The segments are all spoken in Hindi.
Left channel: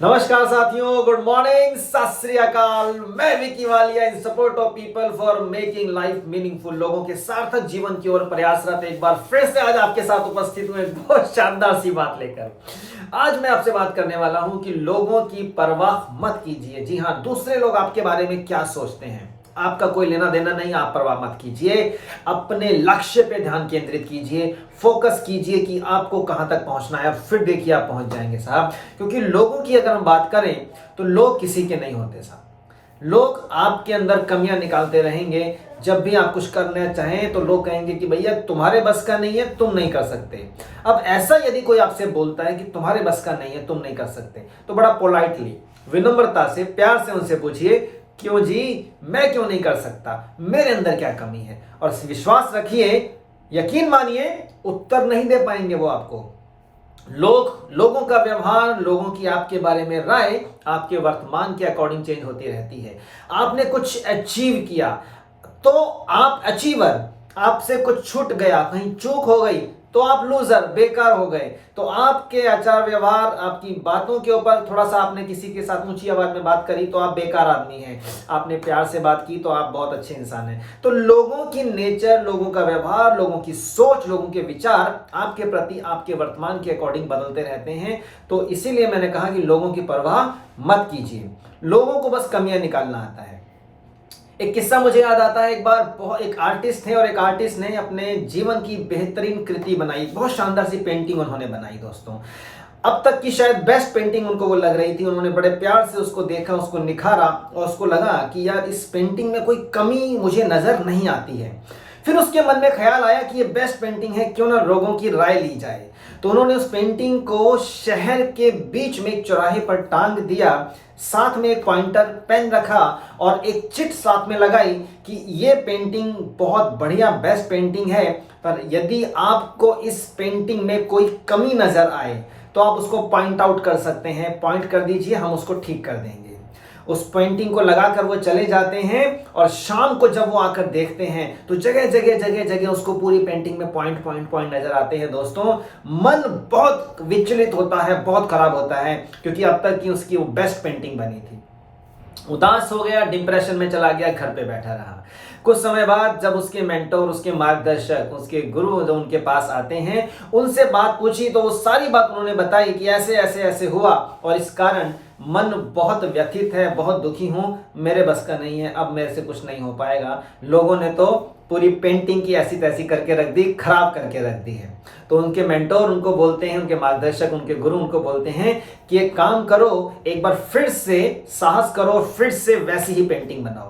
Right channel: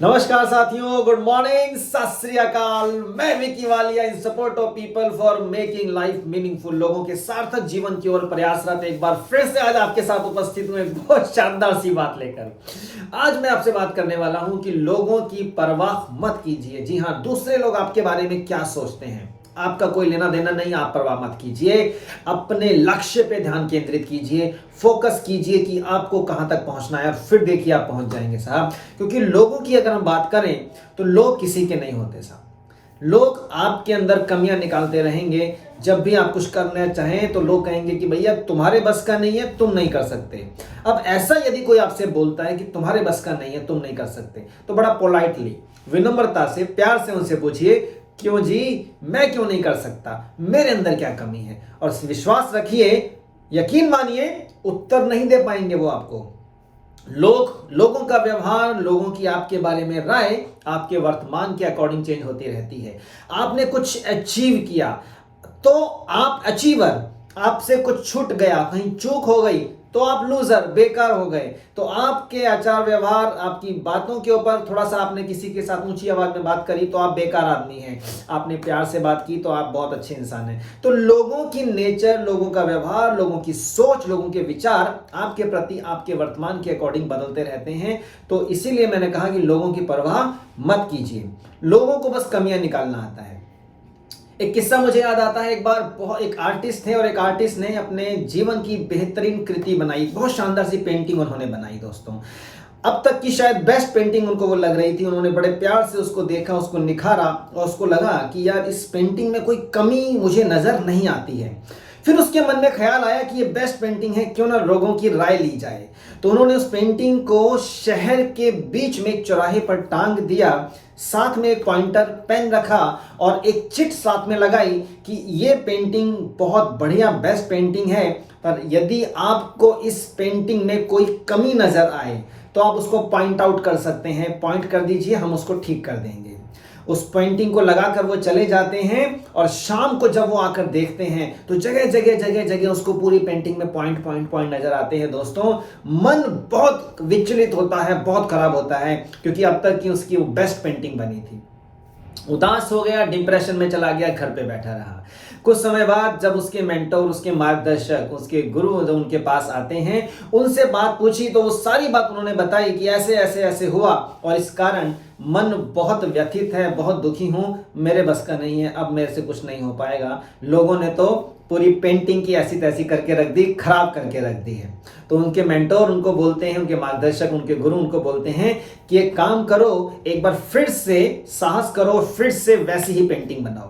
नमस्कार साथियों, गुड मॉर्निंग, सत श्री अकाल। मैं विकी वालिया इन support of people for making life meaningful. लोगों के सार्थक जीवन की ओर प्रयासरत एक बार फिर से आज आपके साथ उपस्थित हूं एक बहुत शानदार सी बात लेकर। आज मैं आपसे बात करने वाला हूं कि लोगों की परवाह मत कीजिए। जी हां, दूसरे लोग आपके बारे में क्या सोचते हैं आपका कोई लेना देना नहीं। आप परवाह मत कीजिए, अपने लक्ष्य पे ध्यान केंद्रित कीजिए, फोकस कीजिए कि आपको कहां तक पहुंचना है। फिर देखिए आप पहुंच जाएंगे साहब। क्योंकि लोगों की अगर हम बात करें तो लोग किसी के नहीं होते साहब। लोग आपके अंदर कमियां निकालते रहेंगे। जब भी आप कुछ करना चाहें तो लोग कहेंगे कि भैया तुम्हारे बस का नहीं है, तुम नहीं कर सकते। अब ऐसा यदि कोई आपसे बोलता है कि तुम्हारे बस का नहीं है, तुम नहीं कर सकते, तो बड़ा पोलाइटली, विनम्रता से, प्यार से उनसे पूछिए क्यों जी, मैं क्यों नहीं कर सकता, मेरे अंदर क्या कमी है। और विश्वास रखिए, यकीन मानिए, उत्तर नहीं दे पाएंगे वो आपको। लोगों का व्यवहार, लोगों की आपके बारे में राय आपके वर्तमान के अकॉर्डिंग चेंज होती रहती है। आपने कुछ अचीव किया तो आप अचीवर, आपसे कुछ छूट गया, कहीं चूक हो गई तो आप लूजर, बेकार हो गए। तो आपके आचार व्यवहार, आपकी बातों के ऊपर थोड़ा सा आपने किसी के साथ ऊंची आवाज में बात करी तो आप बेकार आदमी हैं। आपने प्यार से बात की तो आप बहुत अच्छे इंसान हैं। तो लोगों की नेचर, लोगों का व्यवहार, लोगों की सोच, लोगों के विचार आपके प्रति आपके वर्तमान के अकॉर्डिंग बदलते रहते हैं। तो इसीलिए मैंने कहा कि लोगों की परवाह मत कीजिए, लोगों को बस कमियां निकालना आता है। एक किस्सा मुझे याद आता है। एक बार एक आर्टिस्ट थे और एक आर्टिस्ट ने अपने जीवन की बेहतरीन कृति बनाई, बहुत शानदार सी पेंटिंग उन्होंने बनाई दोस्तों। अब तक की शायद बेस्ट पेंटिंग उनको वो लग रही थी। उन्होंने बड़े प्यार से उसको देखा, उसको निखारा और उसको लगा कि यार इस पेंटिंग में कोई कमी मुझे नजर नहीं आती है। फिर उसके मन में ख्याल आया कि ये बेस्ट पेंटिंग है, क्यों ना लोगों की राय ली जाए। तो उन्होंने उस पेंटिंग को शहर के बीच में एक चौराहे पर टांग दिया, साथ में एक पॉइंटर पेन रखा और एक चिट साथ में लगाई कि ये पेंटिंग बहुत बढ़िया बेस्ट पेंटिंग है, पर यदि आपको इस पेंटिंग में कोई कमी नजर आए तो आप उसको पॉइंट आउट कर सकते हैं, पॉइंट कर दीजिए, हम उसको ठीक कर देंगे। उस पेंटिंग को लगाकर वो चले जाते हैं और शाम को जब वो आकर देखते हैं तो जगह जगह जगह जगह उसको पूरी पेंटिंग में पॉइंट पॉइंट पॉइंट नजर आते हैं। दोस्तों, मन बहुत विचलित होता है, बहुत खराब होता है, क्योंकि अब तक की उसकी वो बेस्ट पेंटिंग बनी थी। उदास हो गया, डिप्रेशन में चला गया, घर पे बैठा रहा। कुछ समय बाद जब उसके मेंटोर, उसके मार्गदर्शक, उसके गुरु जो उनके पास आते हैं, उनसे बात पूछी तो वो सारी बात उन्होंने बताई कि ऐसे ऐसे ऐसे हुआ और इस कारण मन बहुत व्यथित है, बहुत दुखी हूं, मेरे बस का नहीं है, अब मेरे से कुछ नहीं हो पाएगा। लोगों ने तो पूरी पेंटिंग की ऐसी तैसी करके रख दी, खराब करके रख दी है। तो उनके मेंटोर उनको बोलते हैं, उनके मार्गदर्शक, उनके गुरु उनको बोलते हैं कि एक काम करो, एक बार फिर से साहस करो, फिर से वैसी ही पेंटिंग बनाओ।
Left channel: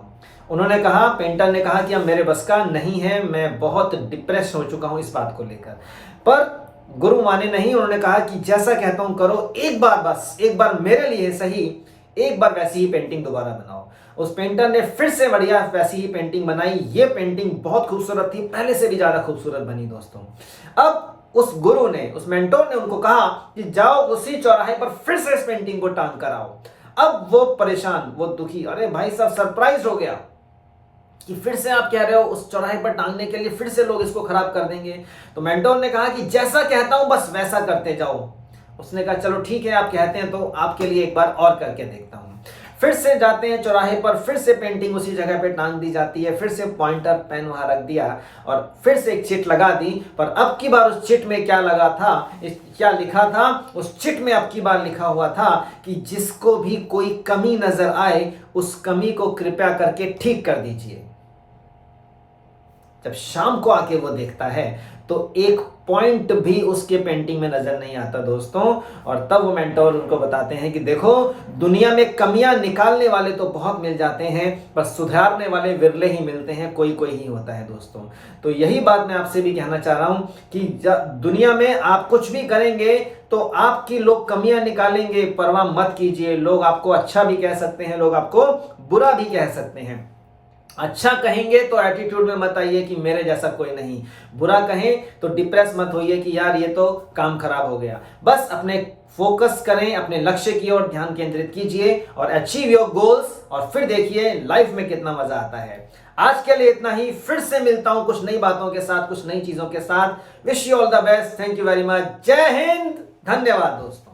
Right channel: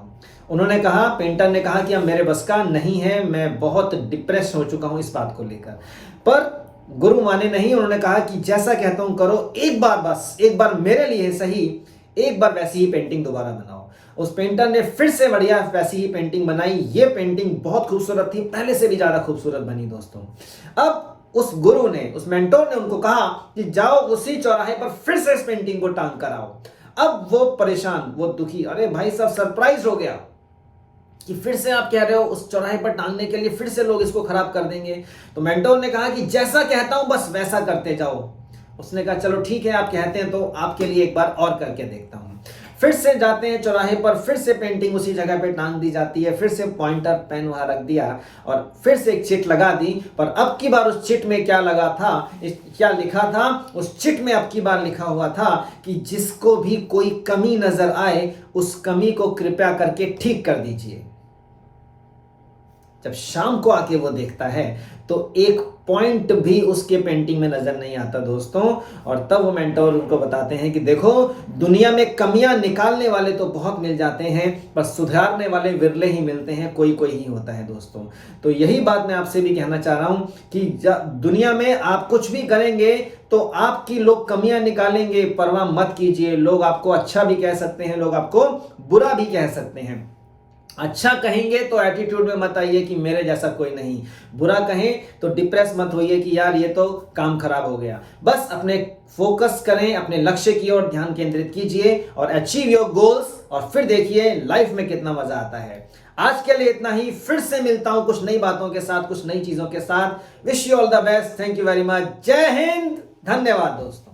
उन्होंने कहा, पेंटर ने कहा कि अब मेरे बस का नहीं है, मैं बहुत डिप्रेस हो चुका हूं इस बात को लेकर। पर गुरु माने नहीं, उन्होंने कहा कि जैसा कहता हूं करो, एक बार, बस एक बार मेरे लिए सही, एक बार वैसी ही पेंटिंग दोबारा बनाओ। उस पेंटर ने फिर से बढ़िया वैसी ही पेंटिंग बनाई। ये पेंटिंग बहुत खूबसूरत थी, पहले से भी ज्यादा खूबसूरत बनी दोस्तों। अब उस गुरु ने, उस मेंटोर ने उनको कहा कि जाओ उसी चौराहे पर फिर से इस पेंटिंग को टांग कर आओ। अब वो परेशान, वो दुखी, अरे भाई साहब, सरप्राइज हो गया कि फिर से आप कह रहे हो उस चौराहे पर टांगने के लिए, फिर से लोग इसको खराब कर देंगे। तो मेंटोर ने कहा कि जैसा कहता हूं बस वैसा करते जाओ। उसने कहा चलो ठीक है, आप कहते हैं तो आपके लिए एक बार और करके देखता हूं। फिर से जाते हैं चौराहे पर, फिर से पेंटिंग उसी जगह पे टांग दी जाती है, फिर से पॉइंटर पेन वहां रख दिया और फिर से एक चिट लगा दी। पर अब की बार उस चिट में क्या लगा था, क्या लिखा था उस चिट में? अब की बार लिखा हुआ था कि जिसको भी कोई कमी नजर आए उस कमी को कृपया करके ठीक कर दीजिए। जब शाम को आके वो देखता है तो एक पॉइंट भी उसके पेंटिंग में नजर नहीं आता दोस्तों। और तब वो मेंटोर उनको बताते हैं कि देखो, दुनिया में कमियां निकालने वाले तो बहुत मिल जाते हैं, पर सुधारने वाले विरले ही मिलते हैं, कोई कोई ही होता है दोस्तों। तो यही बात मैं आपसे भी कहना चाह रहा हूं कि दुनिया में आप कुछ भी करेंगे तो आपकी लोग कमियां निकालेंगे, परवाह मत कीजिए। लोग आपको अच्छा भी कह सकते हैं, लोग आपको बुरा भी कह सकते हैं। अच्छा कहेंगे तो एटीट्यूड में मत आइए कि मेरे जैसा कोई नहीं, बुरा कहें तो डिप्रेस मत होइए कि यार ये तो काम खराब हो गया। बस अपने फोकस करें, अपने लक्ष्य की ओर ध्यान केंद्रित कीजिए और अचीव योर गोल्स, और फिर देखिए लाइफ में कितना मजा आता है। आज के लिए इतना ही, फिर से मिलता हूं कुछ नई बातों के साथ, कुछ नई चीजों के साथ। Wish you all the best, thank you very much, जय हिंद, धन्यवाद दोस्तों।